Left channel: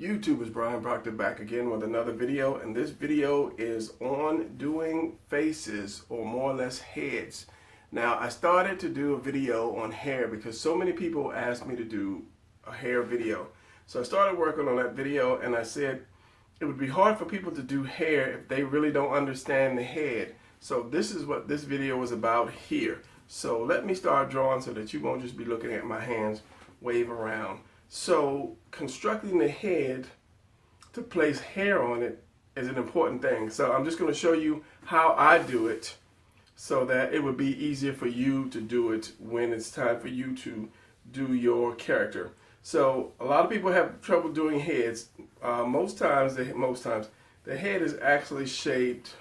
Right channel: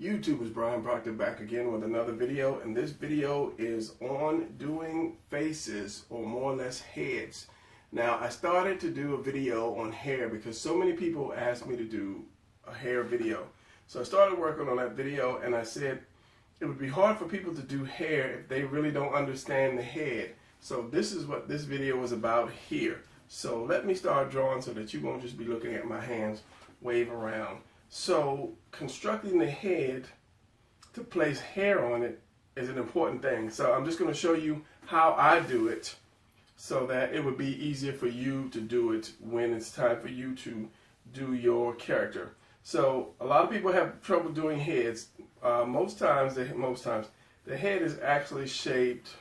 YouTube, is Brian Proctor back again with another video, and this video is on doing faces, or more or less heads. Now, I started to do a video on hair because so many people asked me to do a hair video. So I started working on that video, and I said it would be hard for people to do hair if they really don't understand the head. So this is what this video was about here. So let me start drawing so that you won't just be looking at my hands wave around. So constructing the head to place hair on it is an important thing. So I'm just going to show you how I do it so that it would be easier for you to do it when it's time for you to do your character. So a lot of people have trouble doing heads. Most times the head is actually shaped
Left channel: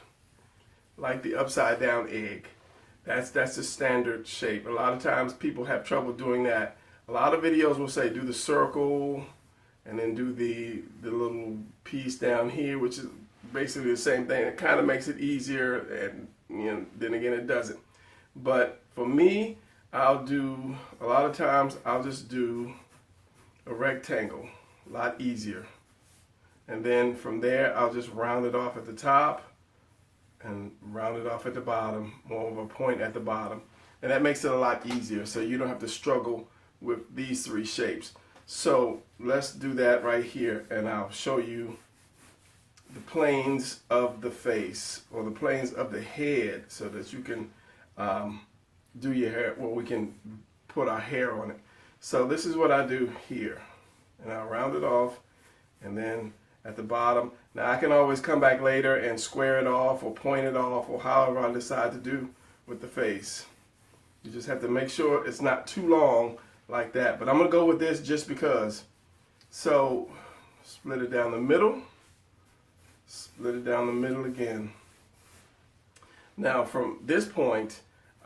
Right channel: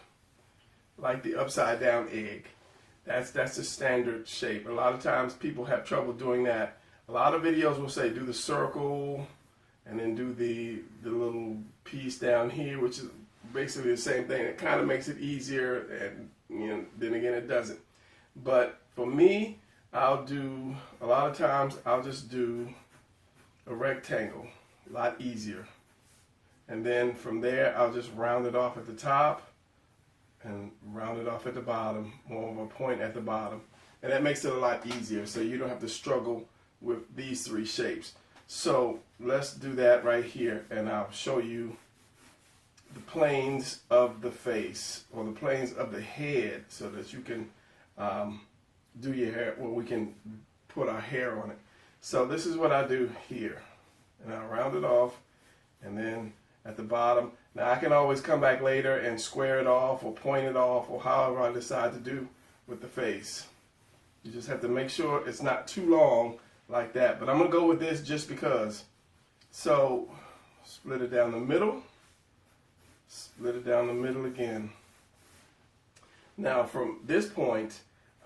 like the upside down egg. That's the standard shape. A lot of times people have trouble doing that. A lot of videos will say do the circle and then do the little piece down here, which is basically the same thing. It kind of makes it easier, and then again it doesn't. But for me, I'll do, a lot of times I'll just do a rectangle, a lot easier. And then from there I'll just round it off at the top and round it off at the bottom, more of a point at the bottom. And that makes it a lot easier, so you don't have to struggle with these three shapes. So let's do that right here, and I'll show you the planes of the face, or the planes of the head, so that you can do your hair, well, we can put our hair on it. So this is what I do here, and I'll round it off, and then at the bottom, now I can always come back later and square it off or point it off, or however I decide to do with the face. You just have to make sure it's not too long like that, but I'm gonna go with this just because. So split it down the middle, split it down the middle again. Now from this point,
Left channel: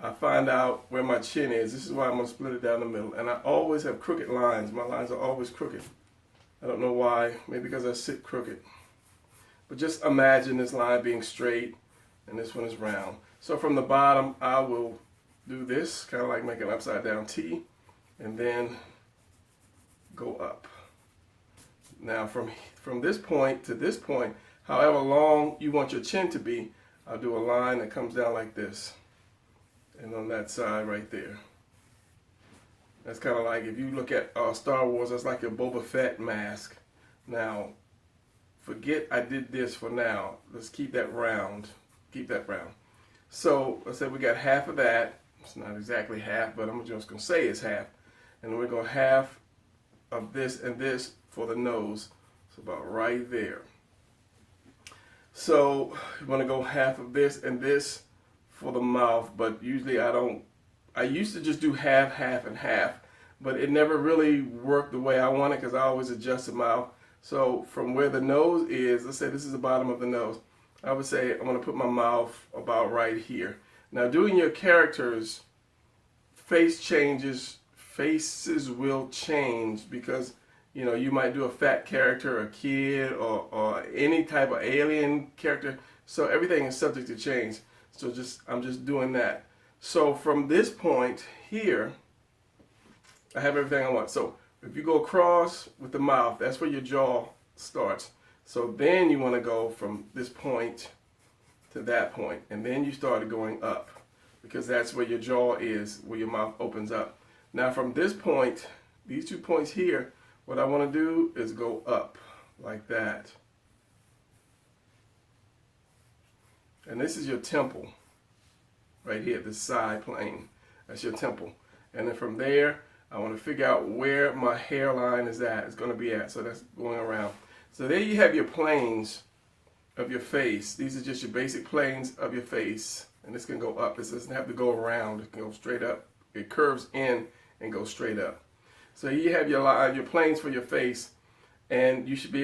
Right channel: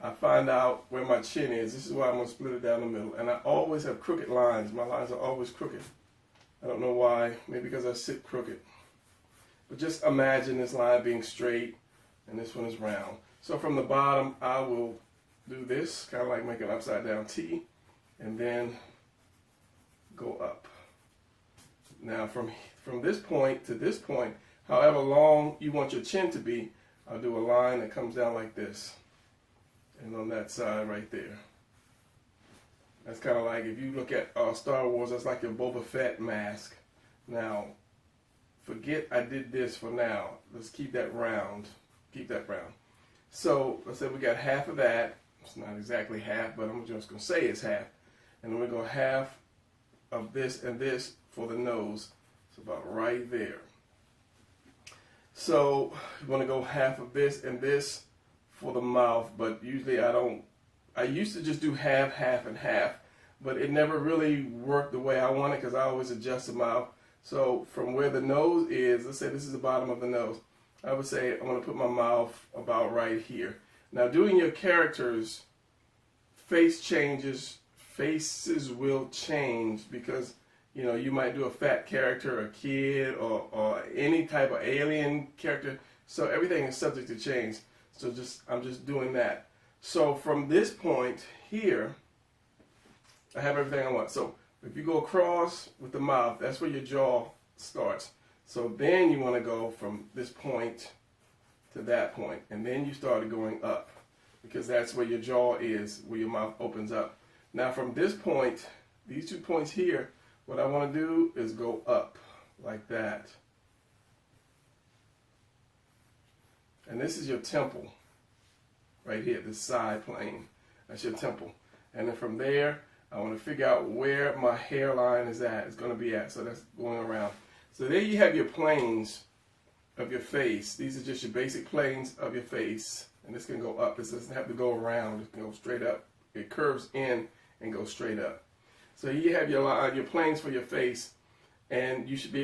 I find out where my chin is. This is why I'm gonna split it down the middle, and I always have crooked lines. My lines are always crooked. I don't know why, maybe because I sit crooked. But just imagine this line being straight and this one is round. So from the bottom, I will do this, kind of like make an upside down T, and then go up. Now from this point to this point, however long you want your chin to be, I'll do a line that comes down like this, and on that side right there. That's kind of like, if you look at Star Wars, that's like your Boba Fett mask. Now, forget I did this for now. Let's keep that round. Keep that round. So let's say we got half of that. It's not exactly half, but I'm just going to say it's half. And then we're going to half of this and this for the nose. It's about right there. So you want to go half of this and this for the mouth, but usually I don't. I used to just do half, half, and half, but it never really worked the way I want it because I always adjust the mouth. So from where the nose is, let's say this is the bottom of the nose, I would say I'm going to put my mouth about right here. Now doing your characters, faces will change because, you know, you might do a fat character, a kid, or any type of alien character. So everything is subject to change. So I'm just doing that. So from this point here, I have everything I want. So if you go across with the mouth, that's where your jaw starts. So then you want to go from this point to that point, and then you start going up because that's where your jaw is, where your mouth opens up. Now from this point, these 2 points here, what I want to do is go up like that. And this is your temple. Right here, this side plane, that's your temple. And then from there, I want to figure out where my hairline is at. It's going to be at, so that's going around. So there you have your planes of your face. These are just your basic planes of your face, and this can go up. This doesn't have to go around. It can go straight up. It curves in and goes straight up. So you have your line, your planes for your face, and you should be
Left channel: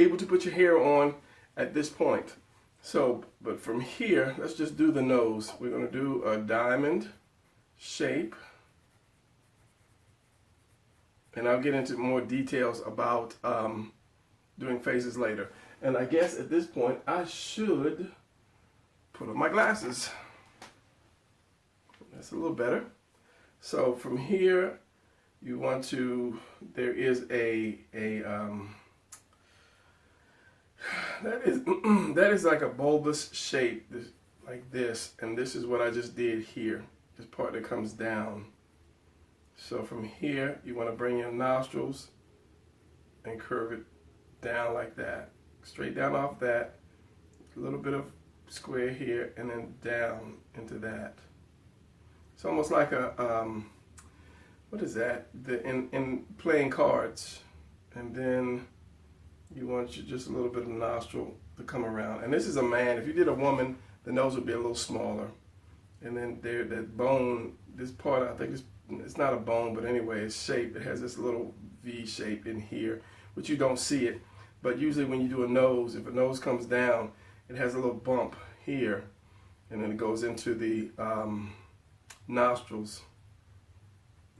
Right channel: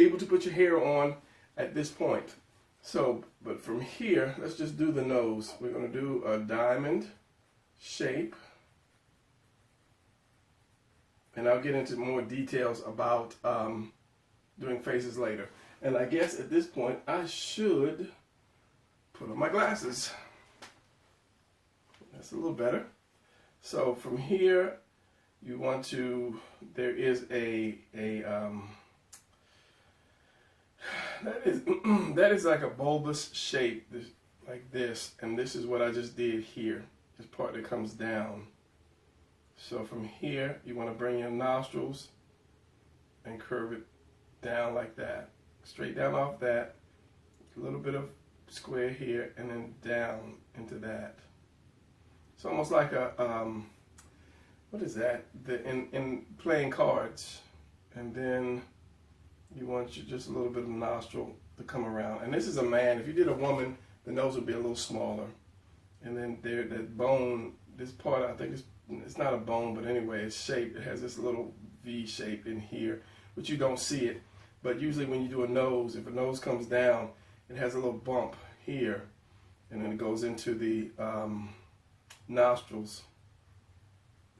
able to put your hair on at this point. So, but from here, let's just do the nose. We're going to do a diamond shape. And I'll get into more details about doing faces later. And I guess at this point, I should put on my glasses. That's a little better. So from here, you want to, there is that is like a bulbous shape, like this, and this is what I just did here, this part that comes down. So from here, you want to bring your nostrils and curve it down like that, straight down off that, a little bit of square here, and then down into that. It's almost like a, what is that? In playing cards. And then you want just a little bit of nostril to come around. And this is a man. If you did a woman, the nose would be a little smaller. And then there, that bone, this part, I think it's not a bone, but anyway, it's shaped. It has this little V shape in here, which you don't see it. But usually when you do a nose, if a nose comes down, it has a little bump here, and then it goes into the nostrils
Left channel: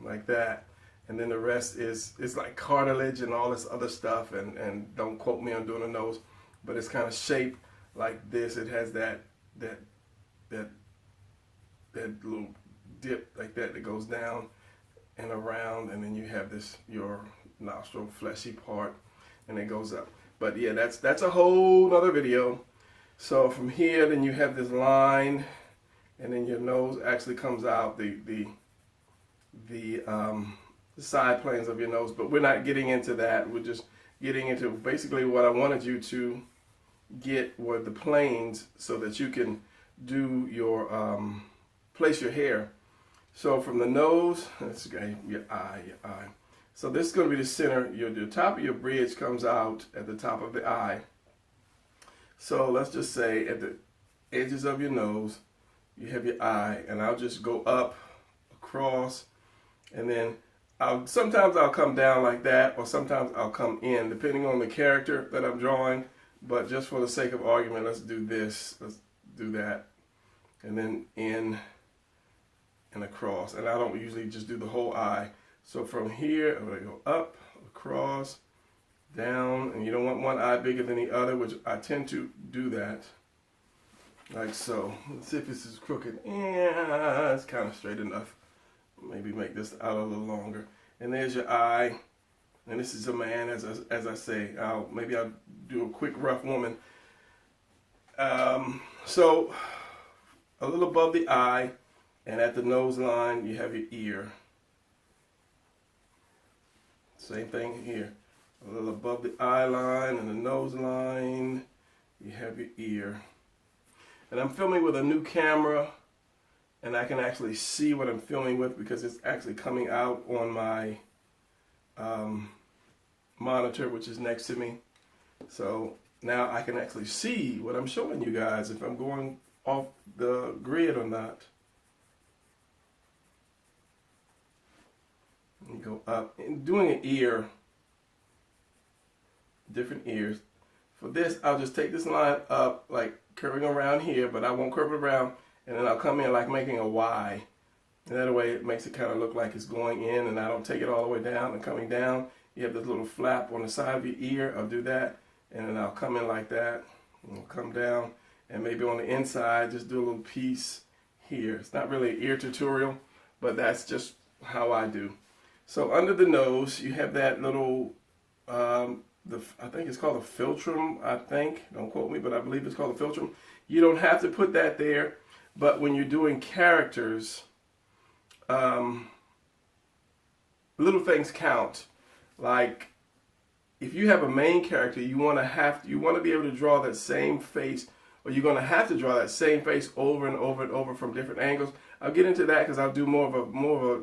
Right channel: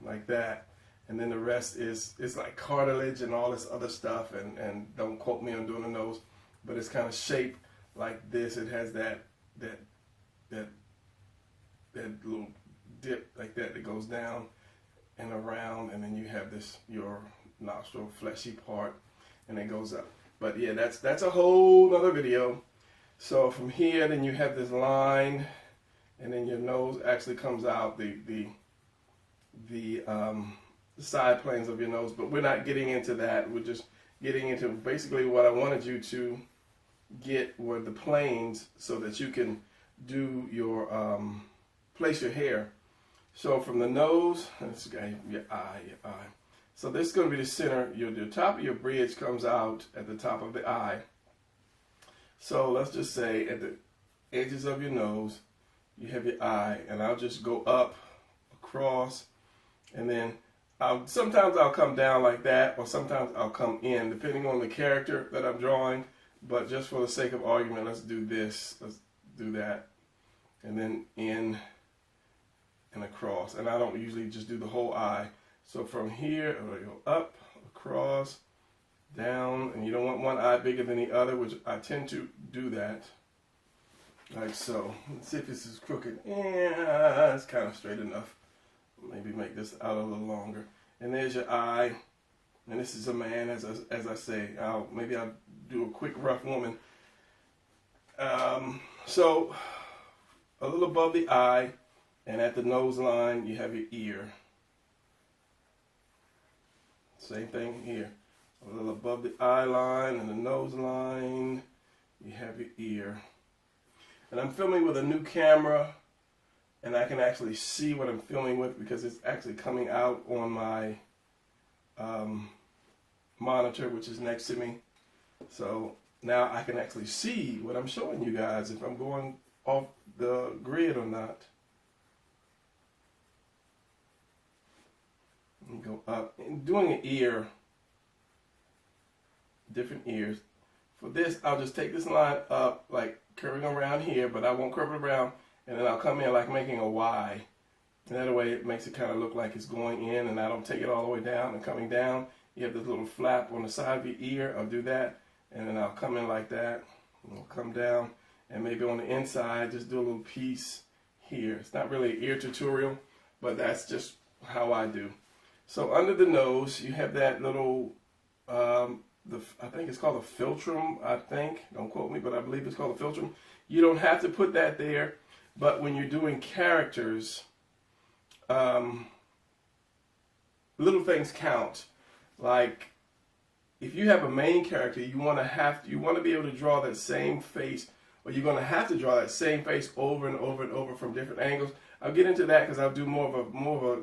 like that. And then the rest is like cartilage and all this other stuff, and don't quote me on doing a nose, but it's kind of shaped like this. It has that little dip like that goes down and around, and then you have this, your nostril fleshy part, and it goes up. But yeah, that's a whole other video. So from here, then you have this line, and then your nose actually comes out, the side planes of your nose. But we're not getting into that. We're just getting into basically what I wanted you to get were the planes, so that you can do your place your hair. So from the nose, let's go your eye. So this is going to be the center. The top of your bridge comes out at the top of the eye. So let's just say at the edges of your nose, you have your eye, and I'll just go up, across, and then sometimes I'll come down like that, or sometimes I'll come in, depending on the character that I'm drawing. But just for the sake of argument, let's do this. Let's do that, and then in and across. And I don't usually just do the whole eye. So from here, I'm going to go up, across, down, and you don't want one eye bigger than the other, which I tend to do that, like so. Let's see if this is crooked. Yeah, it's kind of straight enough. Maybe make this out a little longer. And there's your eye, and this is a man, as I say. Maybe I'll do a quick rough woman. So a little above the eye, and at the nose line, you have your ear. Same thing here. A little above the eye line and the nose line, you have your ear. And I'm filming with a new camera, and I can actually see what I'm filming with because it's actually coming out on my monitor, which is next to me. So now I can actually see what I'm showing you guys, if I'm going off the grid or not. And go up. And doing an ear, different ears. For this, I'll just take this line up, like curving around here, but I won't curve it around, and then I'll come in like making a Y. And that way it makes it kind of look like it's going in, and I don't take it all the way down and coming down. You have this little flap on the side of your ear. I'll do that, and then I'll come in like that, and I'll come down, and maybe on the inside, just do a little piece here. It's not really an ear tutorial, but that's just how I do. So under the nose, you have that little, I think it's called a philtrum, I think. Don't quote me, but I believe it's called a philtrum. You don't have to put that there, but when you're doing characters, little things count. Like, if you have a main character, you want to be able to draw that same face, or you're going to have to draw that same face over and over and over from different angles. I'll get into that because I'll do more of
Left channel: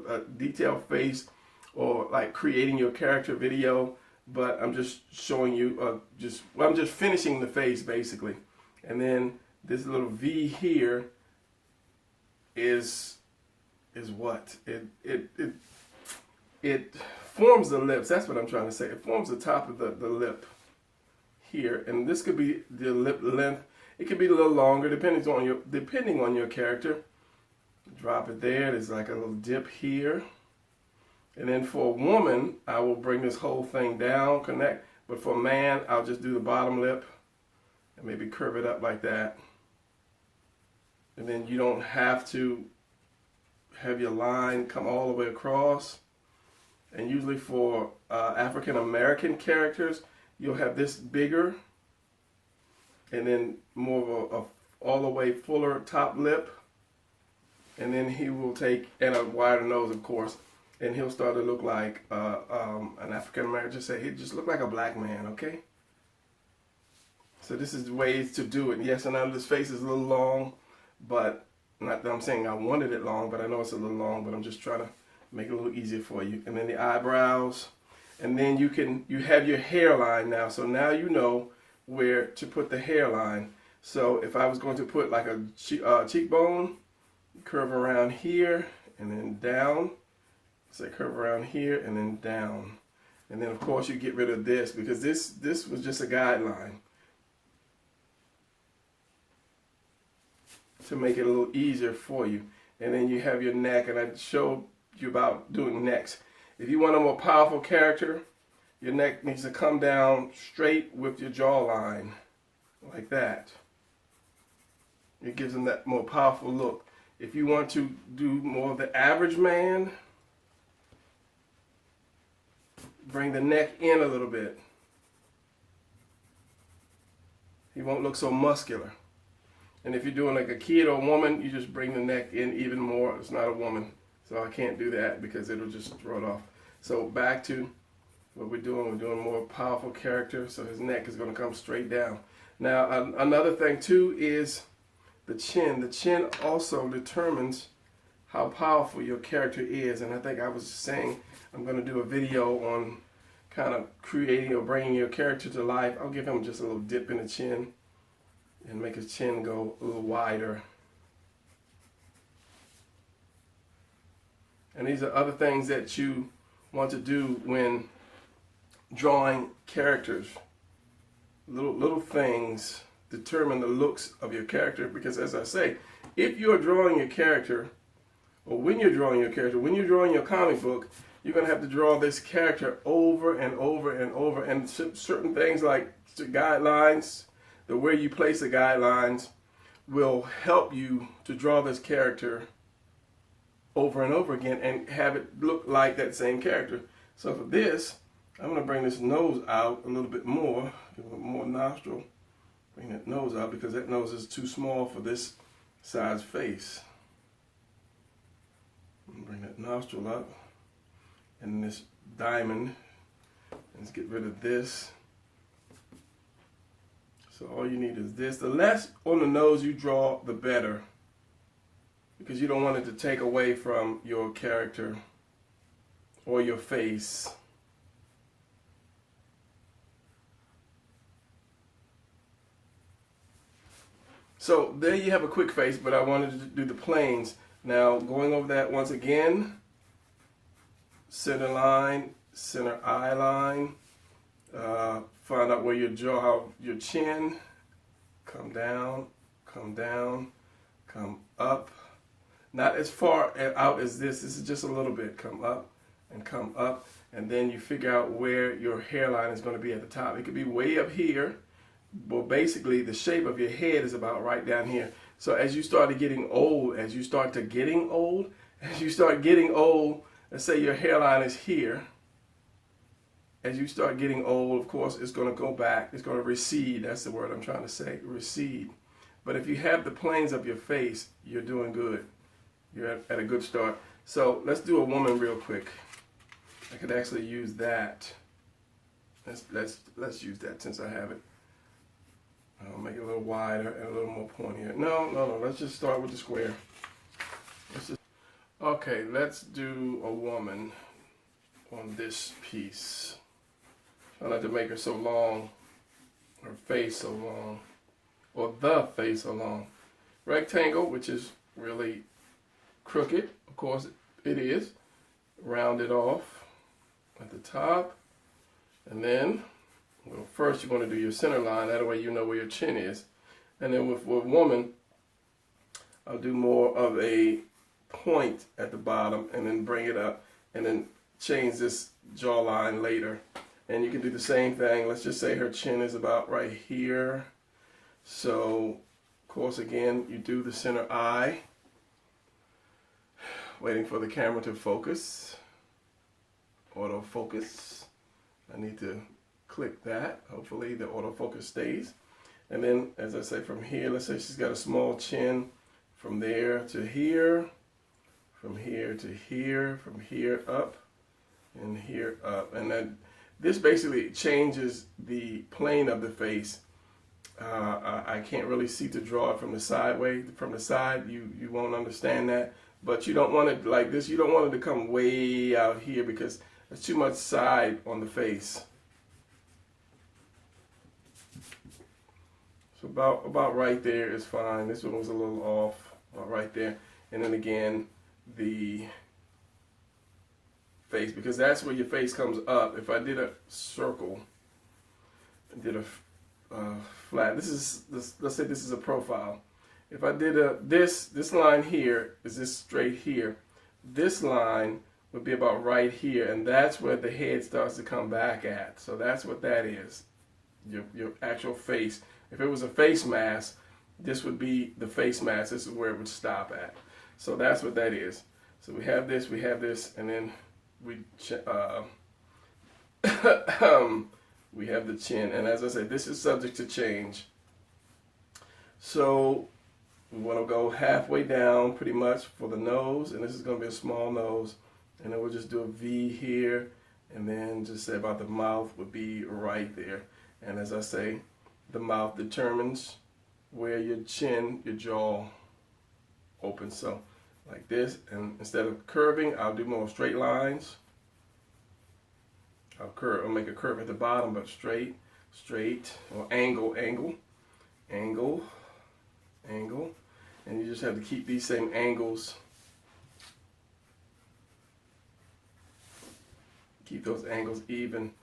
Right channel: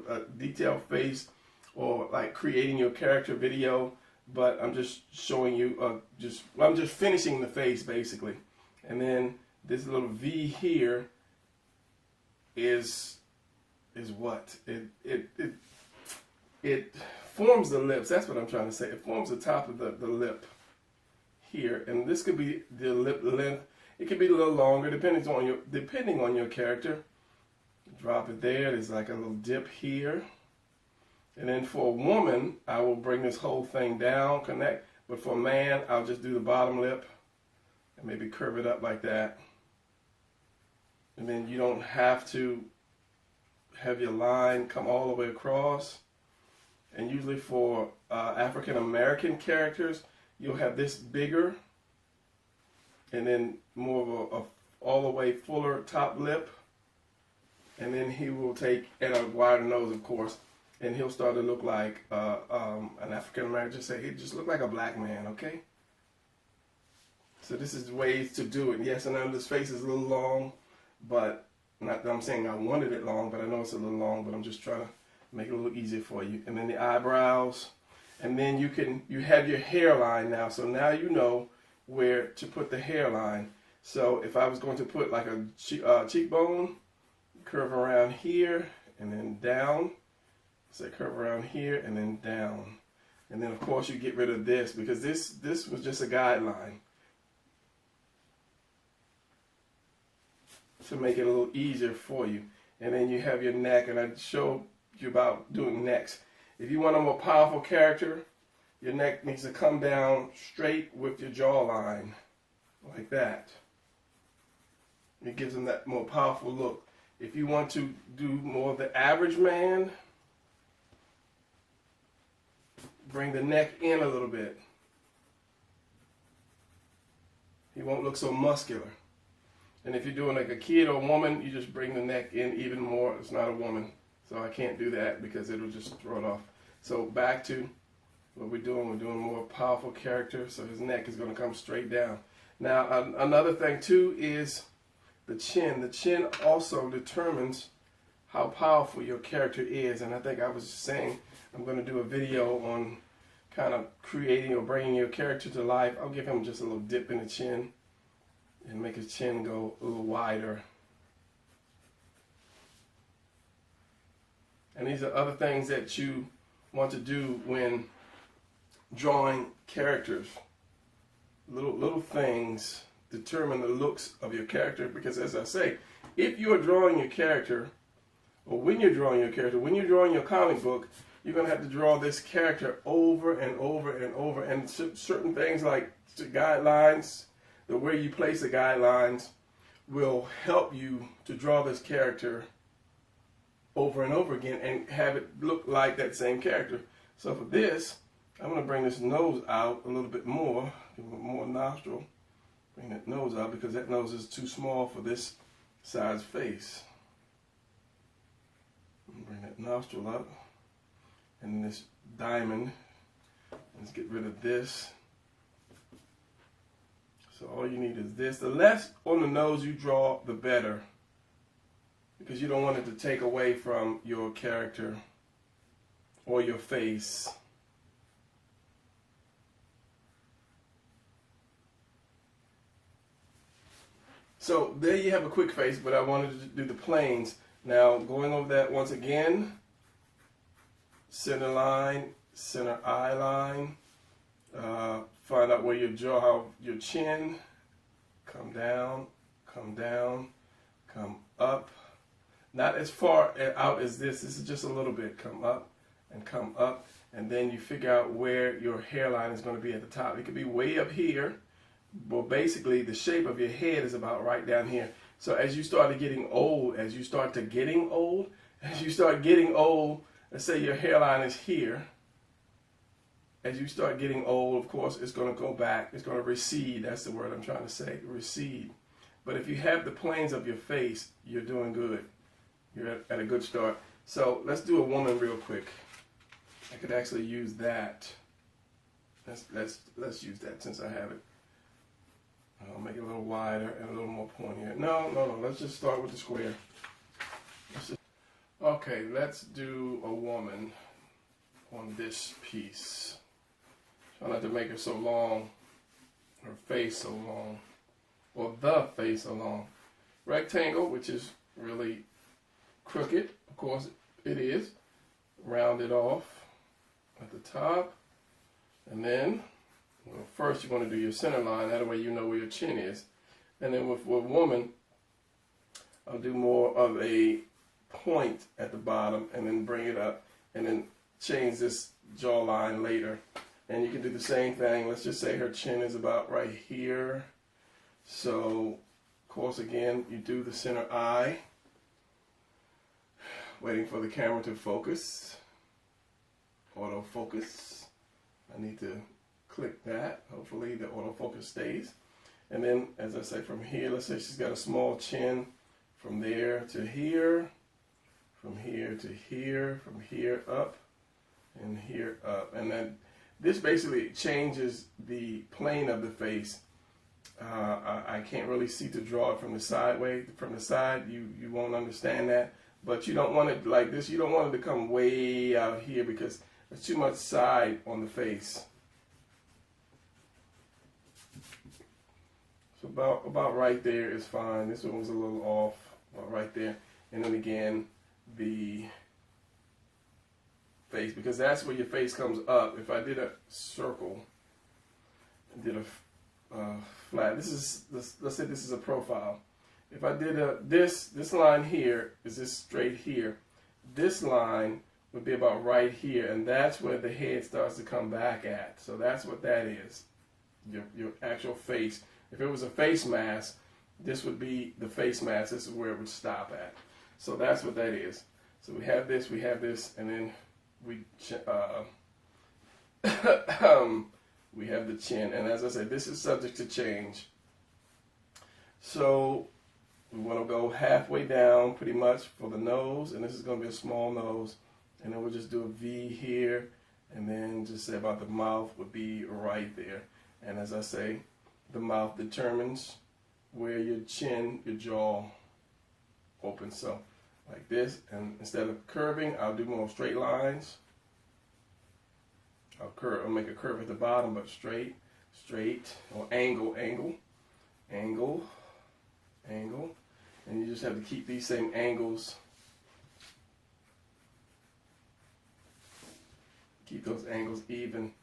a detailed face, or like creating your character video, but I'm just showing you, I'm just finishing the face basically. And then this little V here is what? It forms the lips. That's what I'm trying to say. It forms the top of the lip here, and this could be the lip length. It could be a little longer, depending on your character. Drop it there. There's like a little dip here. And then for a woman, I will bring this whole thing down, connect. But for a man, I'll just do the bottom lip and maybe curve it up like that. And then you don't have to have your line come all the way across. And usually for African American characters, you'll have this bigger and then more of a all the way fuller top lip. And then he will take, and a wider nose, of course, and he'll start to look like an African American. Just say, he just look like a black man, okay? So this is the ways to do it. Yes, I know this face is a little long, but not that I'm saying I wanted it long, but I know it's a little long, but I'm just trying to make it a little easier for you. And then the eyebrows, and then you have your hairline now. So now you know where to put the hairline. So if I was going to put like a cheekbone, curve around here and then down. So curve around here and then down. And then of course you get rid of this because this was just a guideline to make it a little easier for you. And then you have your neck, and I showed you about doing necks. If you want a more powerful character, your neck needs to come down straight with your jawline, like that. It gives them that more powerful look. If you want to do more of the average man, bring the neck in a little bit. He won't look so muscular. And if you're doing like a kid or a woman, you just bring the neck in even more. It's not a woman, so I can't do that because it'll just throw it off. So back to what we're doing more powerful character, so his neck is going to come straight down. Now another thing too is the chin. The chin also determines how powerful your character is, and I think I was saying I'm going to do a video on kind of creating or bringing your character to life. I'll give him just a little dip in the chin and make his chin go a little wider. And these are other things that you want to do when drawing characters. Little things determine the looks of your character, because as I say, if you're drawing your character, or when you're drawing your character, when you're drawing your comic book, you're going to have to draw this character over and over and over, and certain things like the guidelines, the way you place the guidelines will help you to draw this character over and over again and have it look like that same character. So for this, I'm going to bring this nose out a little bit more, a little more nostril. Bring that nose out because that nose is too small for this size face. Bring that nostril up, and this diamond. Let's get rid of this. So all you need is this. The less on the nose you draw, the better, because you don't want it to take away from your character or your face. So there you have a quick face, but I wanted to do the planes. Now going over that once again, center line, center eye line, find out where your jaw, how your chin, come down, come up. Not as far out as this is just a little bit, come up, and then you figure out where your hairline is going to be at the top. It could be way up here, but basically the shape of your head is about right down here. So as you start getting old, let's say your hairline is here. As you start getting old, of course, it's going to go back. It's going to recede. That's the word I'm trying to say, recede. But if you have the planes of your face, you're doing good. You're at a good start. So let's do a woman real quick. I could actually use that. Let's use that since I have it. I'll make it a little wider and a little more pointy. No. Let's just start with the square. Okay, let's do a woman on this piece. Try not to make her so long, her face so long, or the face so long. Rectangle, which is really crooked, of course it is. Round it off at the top, and then, well, first you want to do your center line. That way you know where your chin is. And then with woman, I'll do more of a point at the bottom and then bring it up and then change this jawline later. And you can do the same thing. Let's just say her chin is about right here. So, of course, again, you do the center eye. Waiting for the camera to focus autofocus. I need to click that. Hopefully the autofocus stays. And then, as I say, from here, let's say she's got a small chin, from there to here, from here to here, from here up, and here up. And then this basically changes the plane of the face. I can't really see to draw it from the sideway. From the side, you won't understand that. But you don't want it like this. You don't want it to come way out here because there's too much side on the face. So about right there is fine. This one was a little off, about right there. And then again, the face, because that's where your face comes up. If I did a circle, I did a flat. Let's say this is a profile. If I did this line here is this straight here. This line would be about right here, and that's where the head starts to come back at. So that's what that is. Your actual face. If it was a face mask, this would be the face mask. This is where it would stop at. So that's what that is. So we have this, and then we we have the chin. And as I said, this is subject to change. So we want to go halfway down pretty much for the nose, and this is going to be a small nose. And then we'll just do a V here, and then just say about the mouth would be right there. And as I say, the mouth determines where your chin, your jaw opens. So like this, and instead of curving, I'll do more straight lines. I'll make a curve at the bottom, but straight, or angle. And you just have to keep these same angles. Keep those angles even,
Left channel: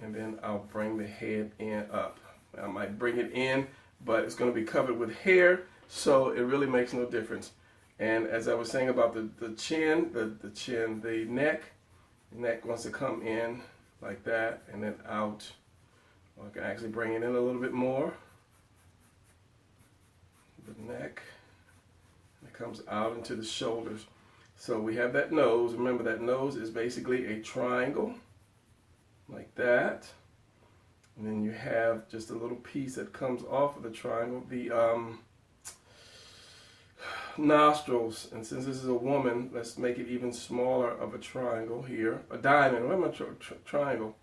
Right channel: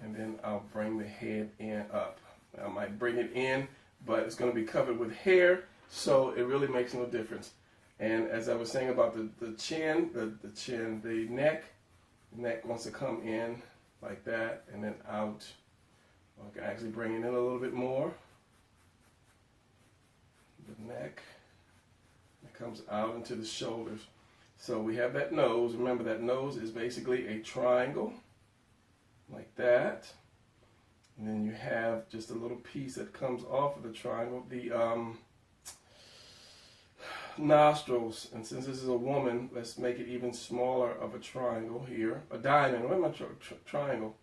and then I'll bring the head in up. I might bring it in, but it's going to be covered with hair, so it really makes no difference. And as I was saying about the chin, the neck wants to come in like that, and then out. Or I can actually bring it in a little bit more. The neck, it comes out into the shoulders. So we have that nose. Remember, that nose is basically a triangle, like that. And then you have just a little piece that comes off of the triangle, the nostrils. And since this is a woman, let's make it even smaller of a triangle here. A diamond, what am I, triangle.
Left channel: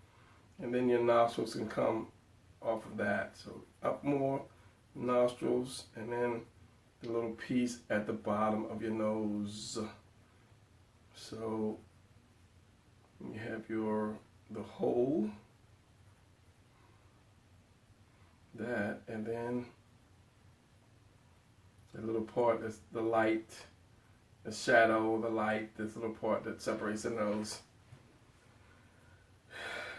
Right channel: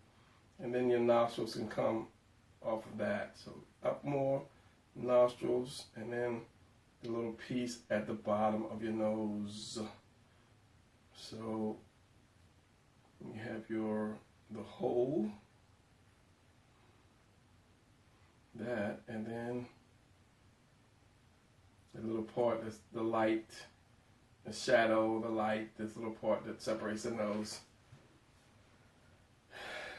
And then your nostrils can come off of that. So up more, nostrils, and then the little piece at the bottom of your nose. So you have the hole, that, and then the little part that's the light, the shadow, the light, this little part that separates the nose.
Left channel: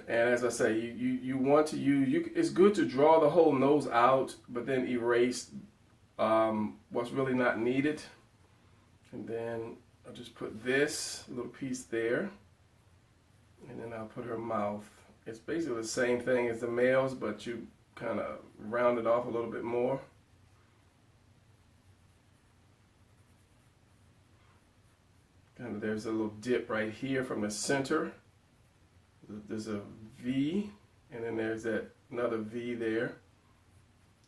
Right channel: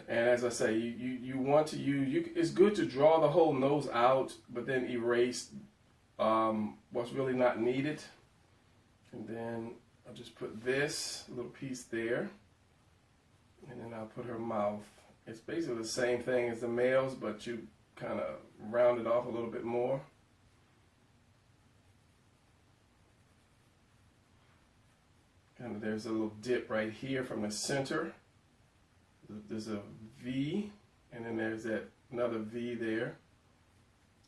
And as I say, you want to use, it's good to draw the whole nose out, but then erase what's really not needed. And then I'll just put this little piece there, and then I'll put her mouth. It's basically the same thing as the males, but you kind of round it off a little bit more. And there's a little dip right here from the center. There's a V, and then there's another V there,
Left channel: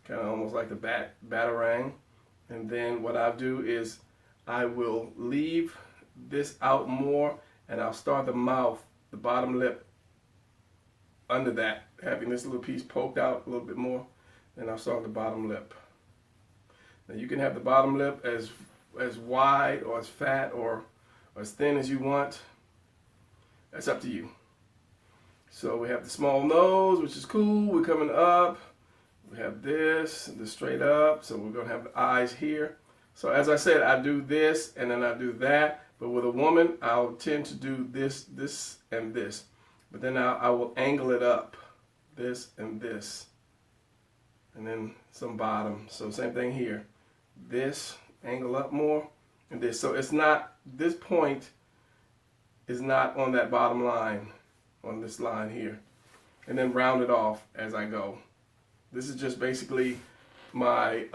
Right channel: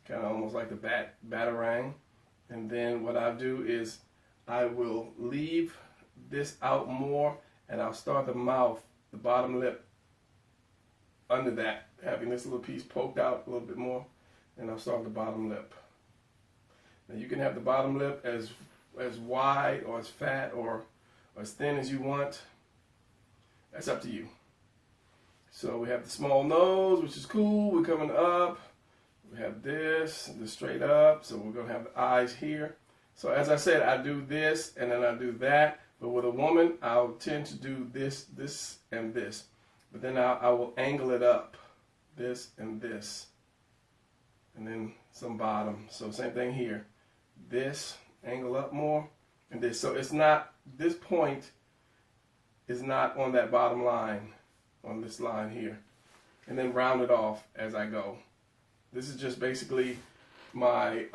kind of almost like the batarang. And then what I'll do is I will leave this out more, and I'll start the mouth, the bottom lip, under that, having this little piece poked out a little bit more. Then I'll start the bottom lip. Now you can have the bottom lip as wide or as fat or as thin as you want. That's up to you. So we have the small nose, which is cool. We're coming up. We have this straight up. So we're going to have the eyes here. So as I said, I do this and then I do that. But with a woman, I'll tend to do this, this, and this. But then I will angle it up, this and this. And then some bottom. So same thing here. This, angle up more, and this. So it's not, this point is not on that bottom line, on this line here. And then round it off as I go. This is just basically my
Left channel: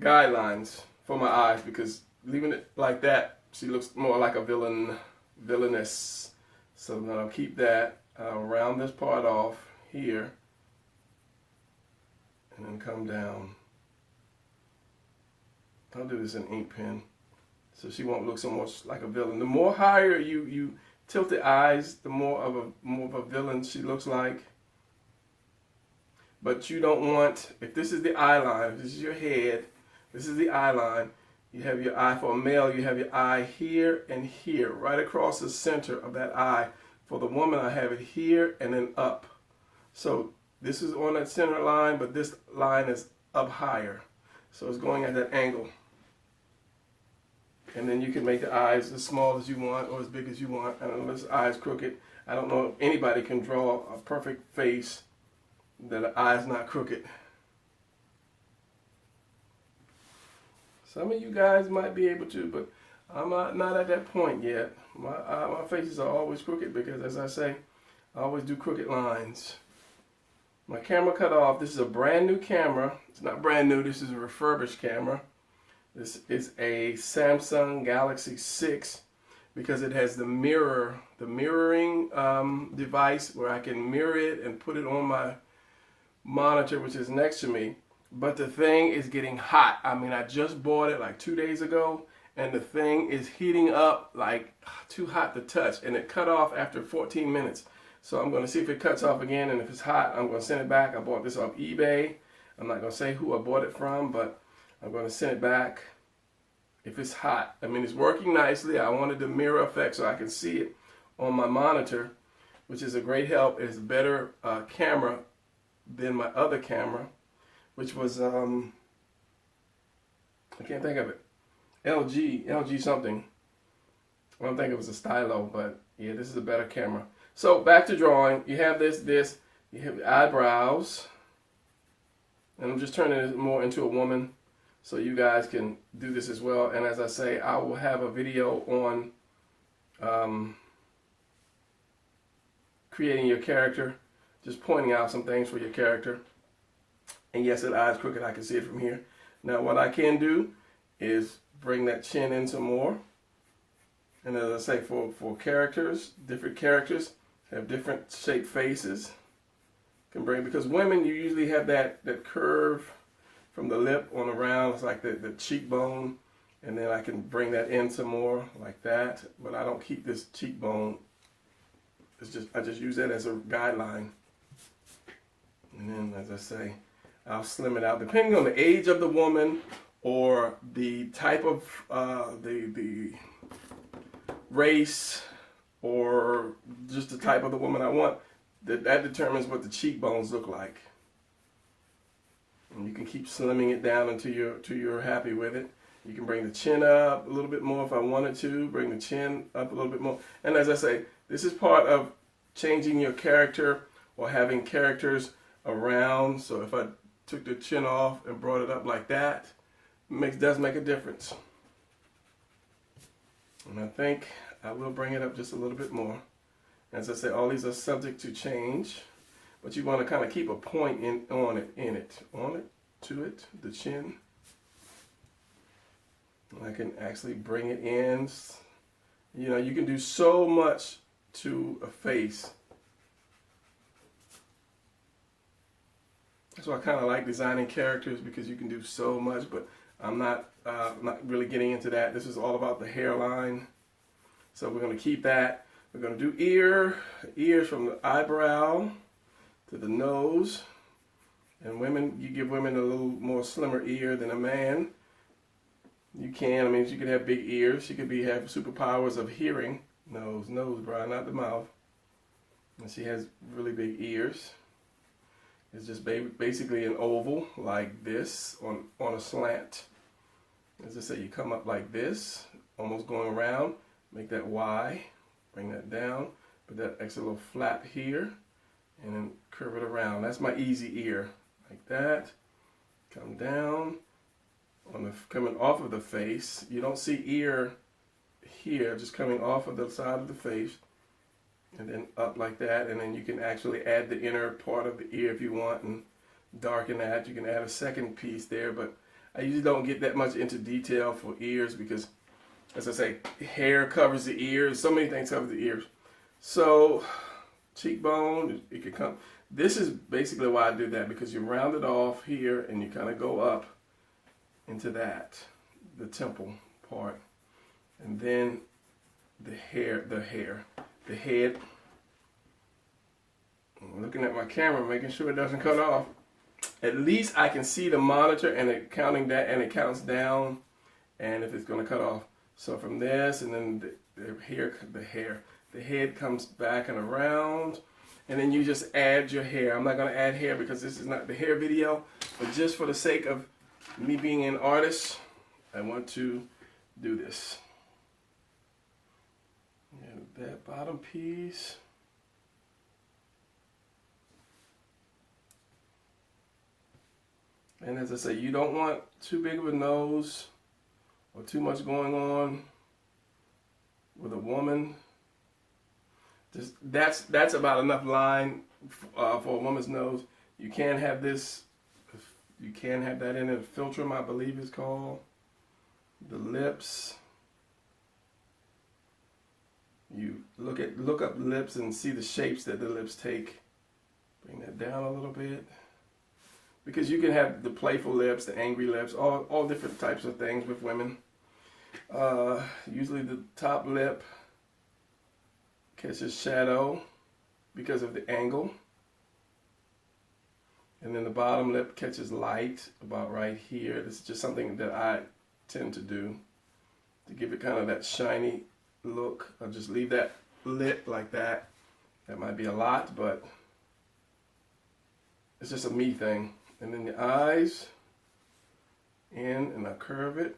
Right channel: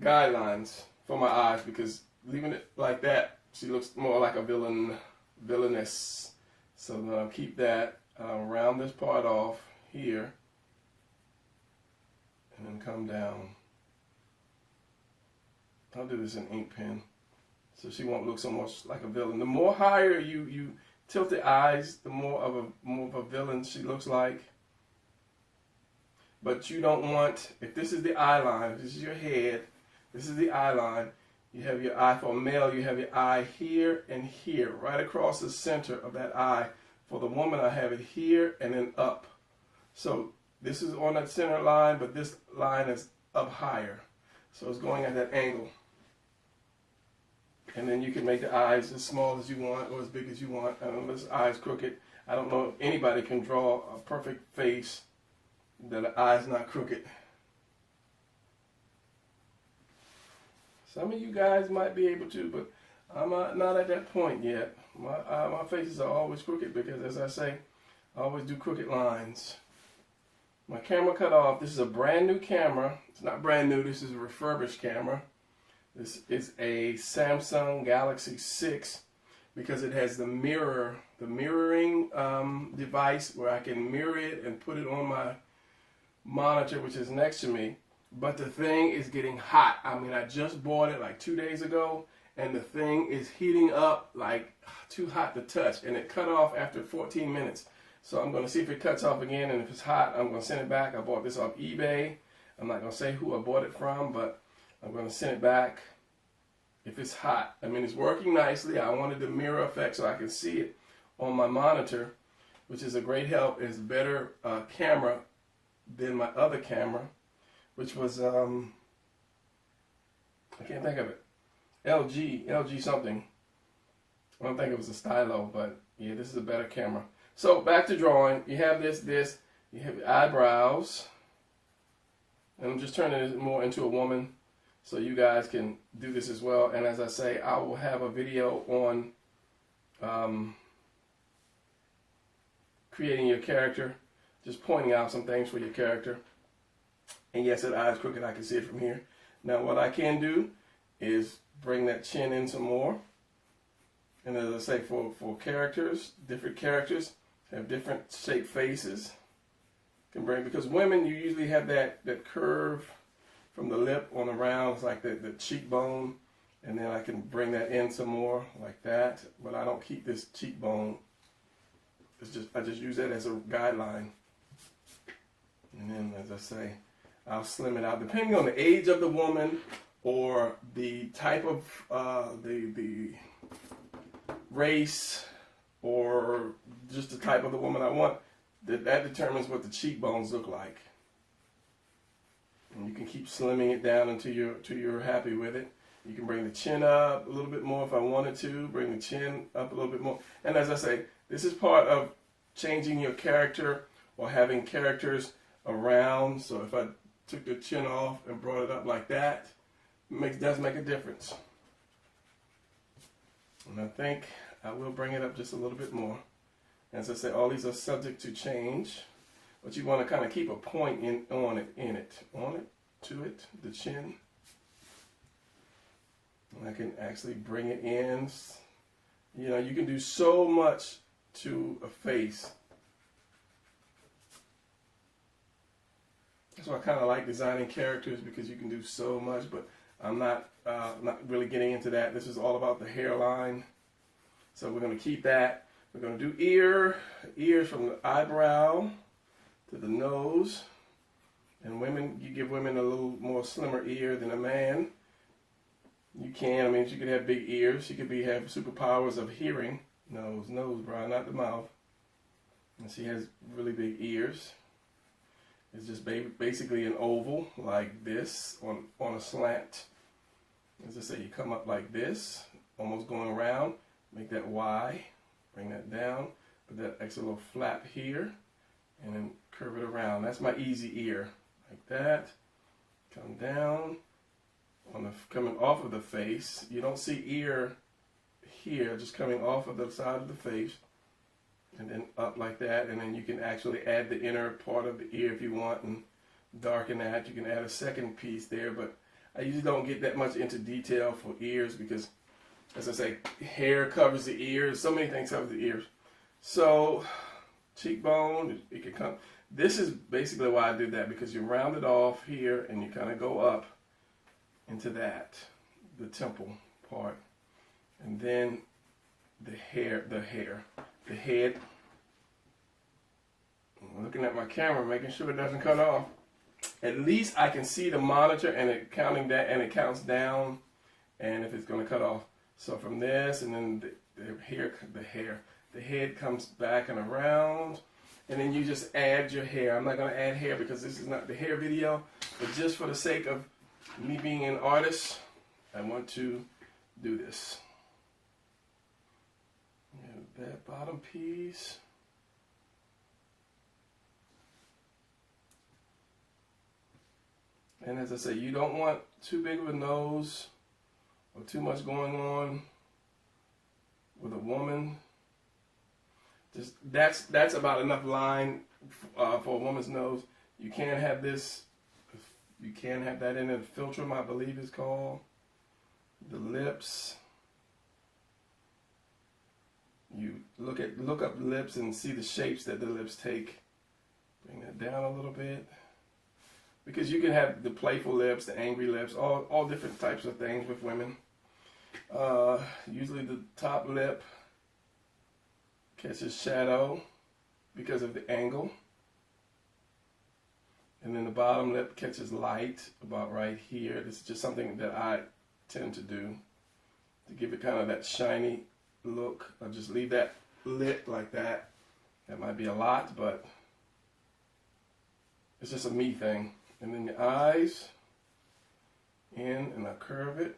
guidelines for my eyes, because leaving it like that, she looks more like a villainous. So I'm going to keep that, round this part off here, and then come down. I'll do this in ink pen, so she won't look so much like a villain. The more higher you tilt the eyes, the more of a villain she looks like. But you don't want, if this is the eye line, if this is your head, this is the eye line, you have your eye. For a male, you have your eye here and here, right across the center of that eye. For the woman, I have it here and then up. So this is on that center line, but this line is up higher. So it's going at that angle. And then you can make the eyes as small as you want or as big as you want. And unless the eye's crooked, I don't know if anybody can draw a perfect face that the eye's not crooked. Some of you guys might be able to, but I'm not at that point yet. My faces are always crooked because, as I say, I always do crooked lines. My camera cut off. This is a brand new camera. It's not brand new. This is a refurbished camera. This is a Samsung Galaxy 6 because it has the mirroring device where I can mirror it and put it on my monitor, which is next to me. But the thing is getting hot. I mean, I just bought it like 2 days ago, and the thing is heating up like too hot to touch, and it cut off after 14 minutes. So I'm going to see if it cuts off again, and if it's hot, I'm going to send it back. I bought this off eBay. I'm not going to say who I bought it from, but I'm going to send it back if it's hot. I mean, it's working nicely. I wanted the mirror effect so I can see it on my monitor, which is a great help. It's a better camera than my other camera, which was, I can't think of it. LG something. I don't think it was a stylo, but yeah, this is a better camera. So back to drawing. You have this, you have your eyebrows. And I'm just turning it more into a woman so you guys can do this as well. And as I say, I will have a video on creating your character, just pointing out some things for your character. And yes, that eye is crooked. I can see it from here. Now what I can do is bring that chin in some more. And as I say, for characters, different characters have different shaped faces. Can bring, because women, you usually have that curve from the lip on around. It's like the cheekbone. And then I can bring that in some more like that. But I don't keep this cheekbone. I just use that as a guideline. And then, as I say, I'll slim it out depending on the age of the woman or the type of the race or just the type of the woman I want. That determines what the cheekbones look like. And you can keep slimming it down until you're happy with it. You can bring the chin up a little bit more if I wanted to. Bring the chin up a little bit more. And as I say, this is part of changing your character or having characters around. So if I took the chin off and brought it up like that, does make a difference. And I think I will bring it up just a little bit more. As I say, all these are subject to change, but you want to kind of keep a point on it, to it, the chin. And I can actually bring it in. You know, you can do so much to a face. That's why I kind of like designing characters, because you can do so much, but I'm not really getting into that. This is all about the hairline. So we're going to keep that. We're going to do ears from the eyebrow to the nose. And women, you give women a little more slimmer ear than a man. You can. I mean, she could have big ears. She could have superpowers of hearing. Nose, Brian, not the mouth. And she has really big ears. It's just basically an oval like this on a slant. As I say, you come up like this, almost going around. Make that Y. Bring that down. Put that extra little flap here. And then curve it around. That's my easy ear. Like that. Come down. Coming off of the face. You don't see ear here. Just coming off of the side of the face. And then up like that. And then you can actually add the inner part of the ear if you want. And darken that. You can add a second piece there. But I usually don't get that much into detail for ears because as I say, hair covers the ears. So many things cover the ears. So cheekbone, it can come. This is basically why I do that, because you round it off here and you kind of go up into that, the temple part, and then the head. I'm looking at my camera, making sure it doesn't cut off. At least I can see the monitor and it counting that, and it counts down, and if it's going to cut off. So from this, and then the head comes back and around, and then you just add your hair. I'm not going to add hair because this is not the hair video, but just for the sake of me being an artist, I want to do this. And that bottom piece. And as I say, you don't want too big of a nose or too much going on with a woman. Just that's about enough line for a woman's nose. You can't have this. You can't have that in it. Philtrum, I believe, is called. The lips. You look up lips and see the shapes that the lips take. Bring that down a little bit. Because you can have the playful lips, the angry lips, all different types of things with women. Usually the top lip catches shadow because of the angle. And then the bottom lip catches light about right here. This is just something that I tend to do to give it kind of that shiny look. I'll just leave that lit like that. That might be a lot, but it's just a me thing. And then the eyes in, and I curve it.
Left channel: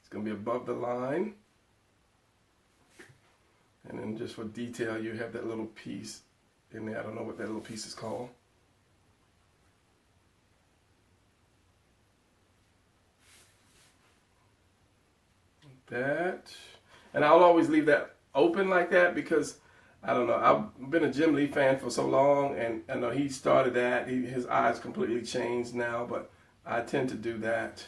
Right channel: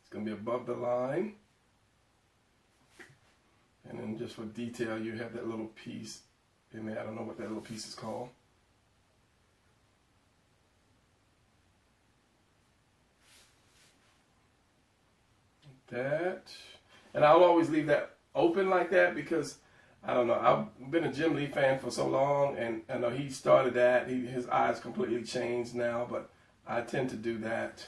It's going to be above the line. And then just for detail, you have that little piece in there. I don't know what that little piece is called. That. And I'll always leave that open like that because, I don't know, I've been a Jim Lee fan for so long, and I know he started that. His eyes completely changed now, but I tend to do that.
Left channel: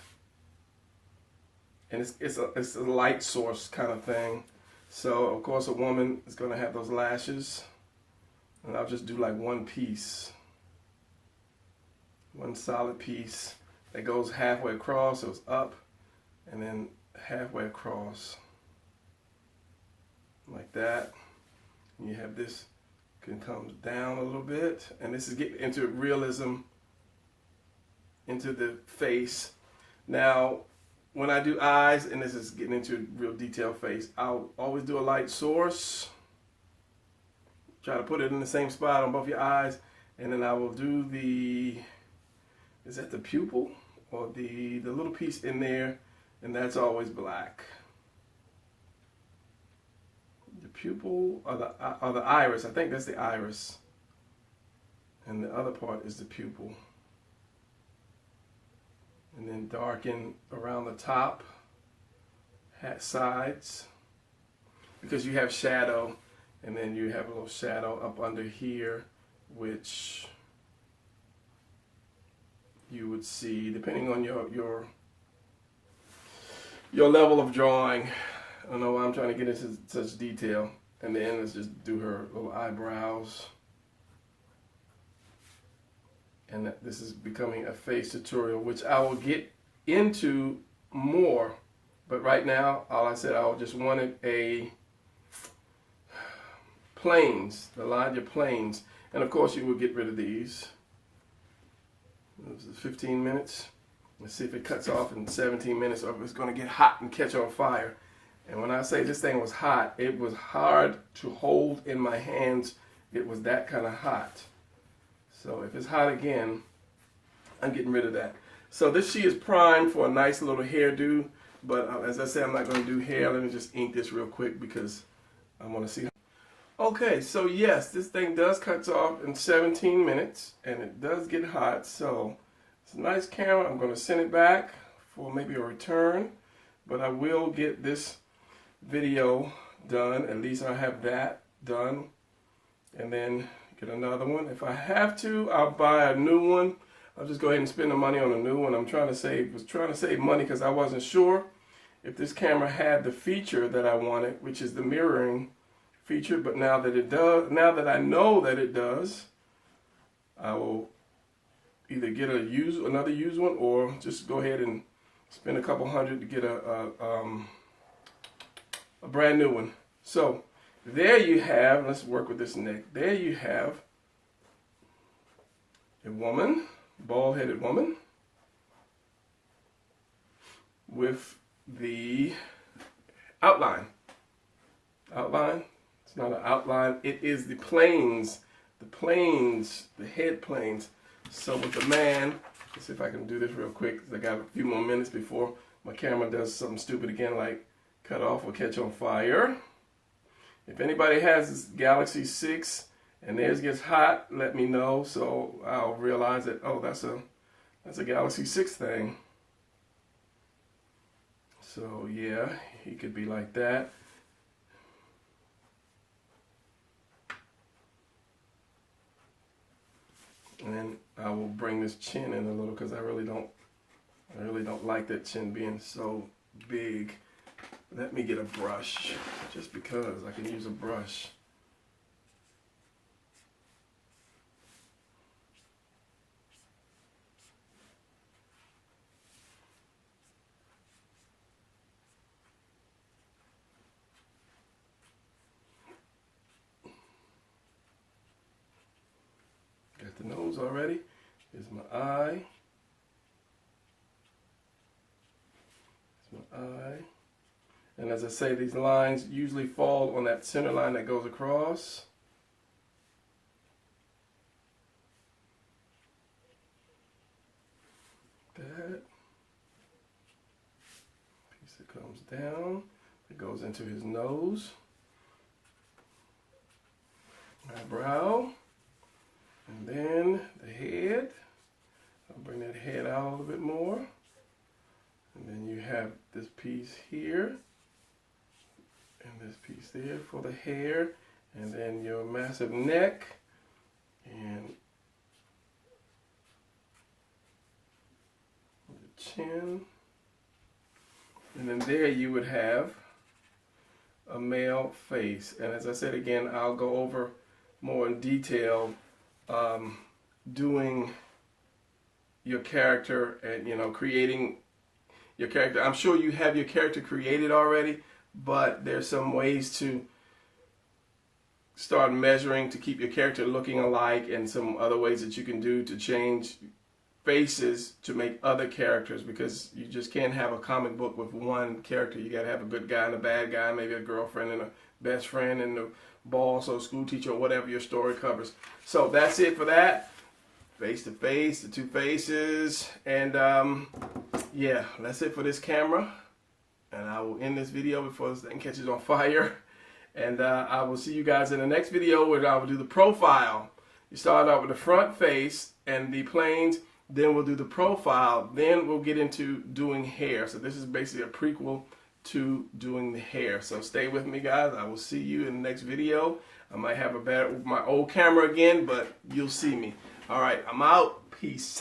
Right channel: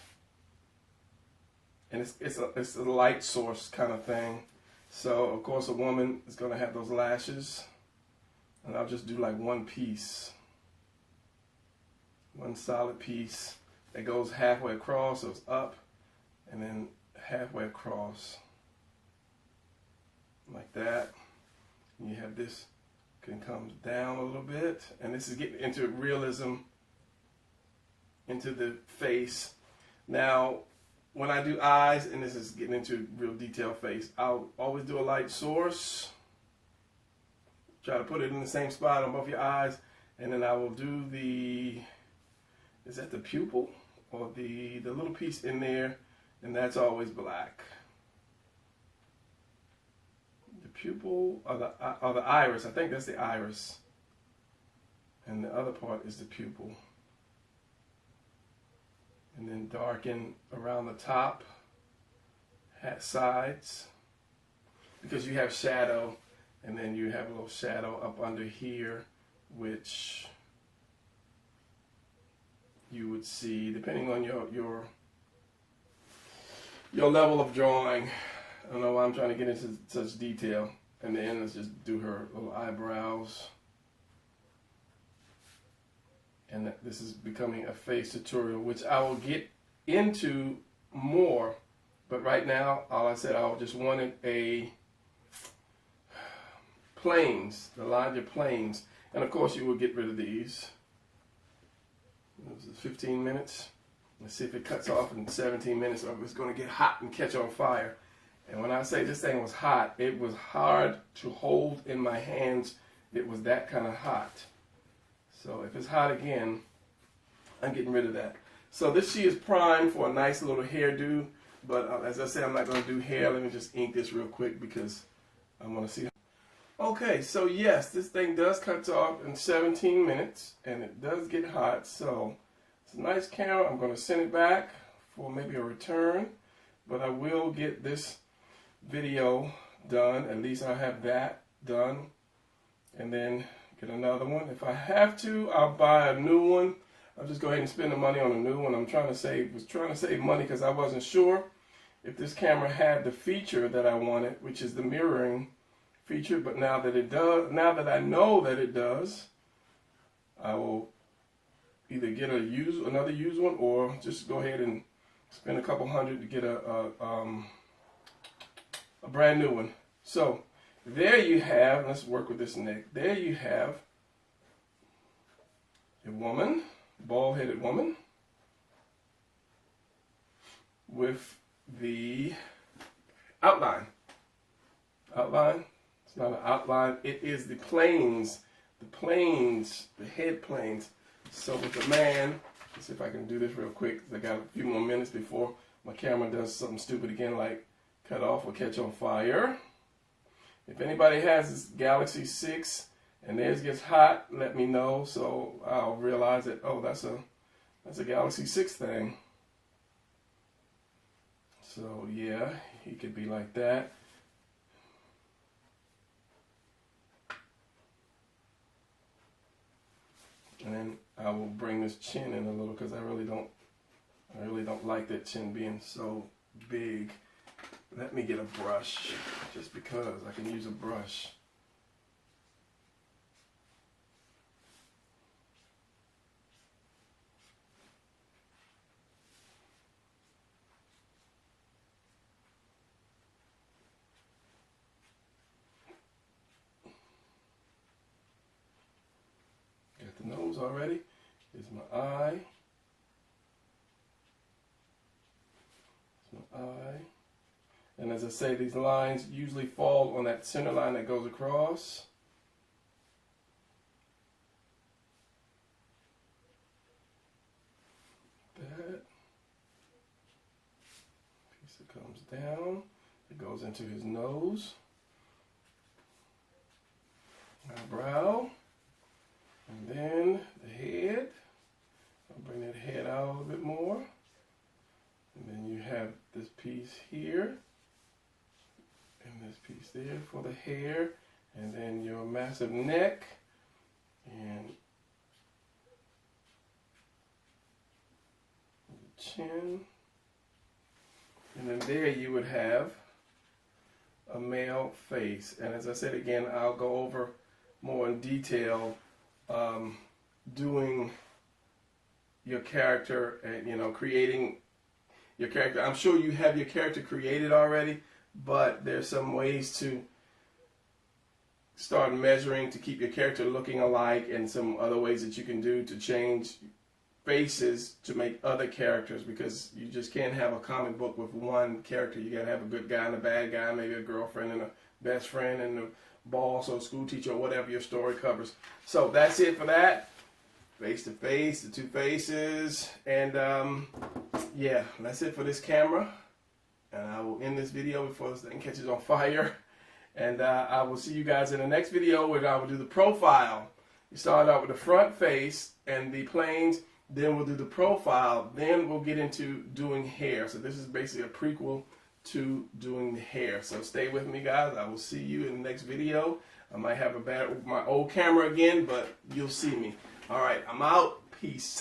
And it's a light source kind of thing. So, of course, a woman is going to have those lashes. And I'll just do like one piece. One solid piece that goes halfway across, so it's up, and then halfway across. Like that. You have this can come down a little bit, and this is getting into realism into the face. Now, when I do eyes, and this is getting into real detailed face, I'll always do a light source. Try to put it in the same spot on both your eyes, and then I will do the, is that the pupil? Or the little piece in there, and that's always black. Pupil or the iris. I think that's the iris, and the other part is the pupil. And then darken around the top, sides, because you have shadow, and then you have a little shadow up under here, which you would see depending on your level of drawing. I don't know why I'm trying to get into such detail. And then let's just do her little eyebrows. And this is becoming a face tutorial, which I will get into more. But right now, all I said, I just wanted a planes, the larger planes. And of course, you will get rid of these. This is 15 minutes. Let's see if it cuts off in 17 minutes or if it's going to get hot and catch on fire. And when I say this thing was hot, it was hard to hold in my hands. It was that kind of hot. So if it's hot again, I'm getting rid of that. So she is primed for a nice little hairdo. But as I said, I'm not going to do hair. Let me just ink this real quick because I want to see. Okay, so yes, this thing does cut off in 17 minutes. And it does get hot. So it's a nice camera. I'm going to send it back for maybe a return. But I will get this video done. At least I have that done, and then get another one. If I have to, I'll buy a new one. I'll just go ahead and spend the money on a new one. Was trying to save money because I wasn't sure if this camera had the feature that I wanted, which is the mirroring feature, but now that it does, now that I know that it does, I will either get another used one, or just go ahead and spend a couple $100 to get a brand new one. So there you have, let's work with this neck. There you have a woman, bald-headed woman, with the outline. It's not an outline, it is the planes, the head planes. So with the man, let's see if I can do this real quick, because I got a few more minutes before my camera does something stupid again, like cut off or catch on fire. If anybody has this Galaxy 6 and theirs gets hot, let me know, so I'll realize that, oh, that's a Galaxy 6 thing. So yeah, he could be like that. And I will bring this chin in a little, because I really don't like that chin being so big. Let me get a brush, just because I can use a brush. Got the nose already. Here's my eye. Here's my eye. And as I say, these lines usually fall on that center line that goes across. That piece that comes down, it goes into his nose, eyebrow, and then the head. I'll bring that head out a little bit more. And then you have this piece here, and this piece there for the hair, and then your massive neck, and the chin, and then there you would have a male face. And as I said again, I'll go over more in detail doing your character and creating your character. I'm sure you have your character created already, but there's some ways to start measuring to keep your character looking alike, and some other ways that you can do to change faces to make other characters, because you just can't have a comic book with one character. You gotta have a good guy and a bad guy, maybe a girlfriend and a best friend and a boss or school teacher or whatever your story covers. So that's it for that. Face to face, the two faces, and yeah, that's it for this camera. And I will end this video before this thing catches on fire. And I will see you guys in the next video, where I will do the profile. You start out with the front face and the planes, then we'll do the profile, then we'll get into doing hair. So this is basically a prequel to doing the hair. So stay with me, guys. I will see you in the next video. I might have my old camera again, but you'll see me. All right, I'm out. Peace.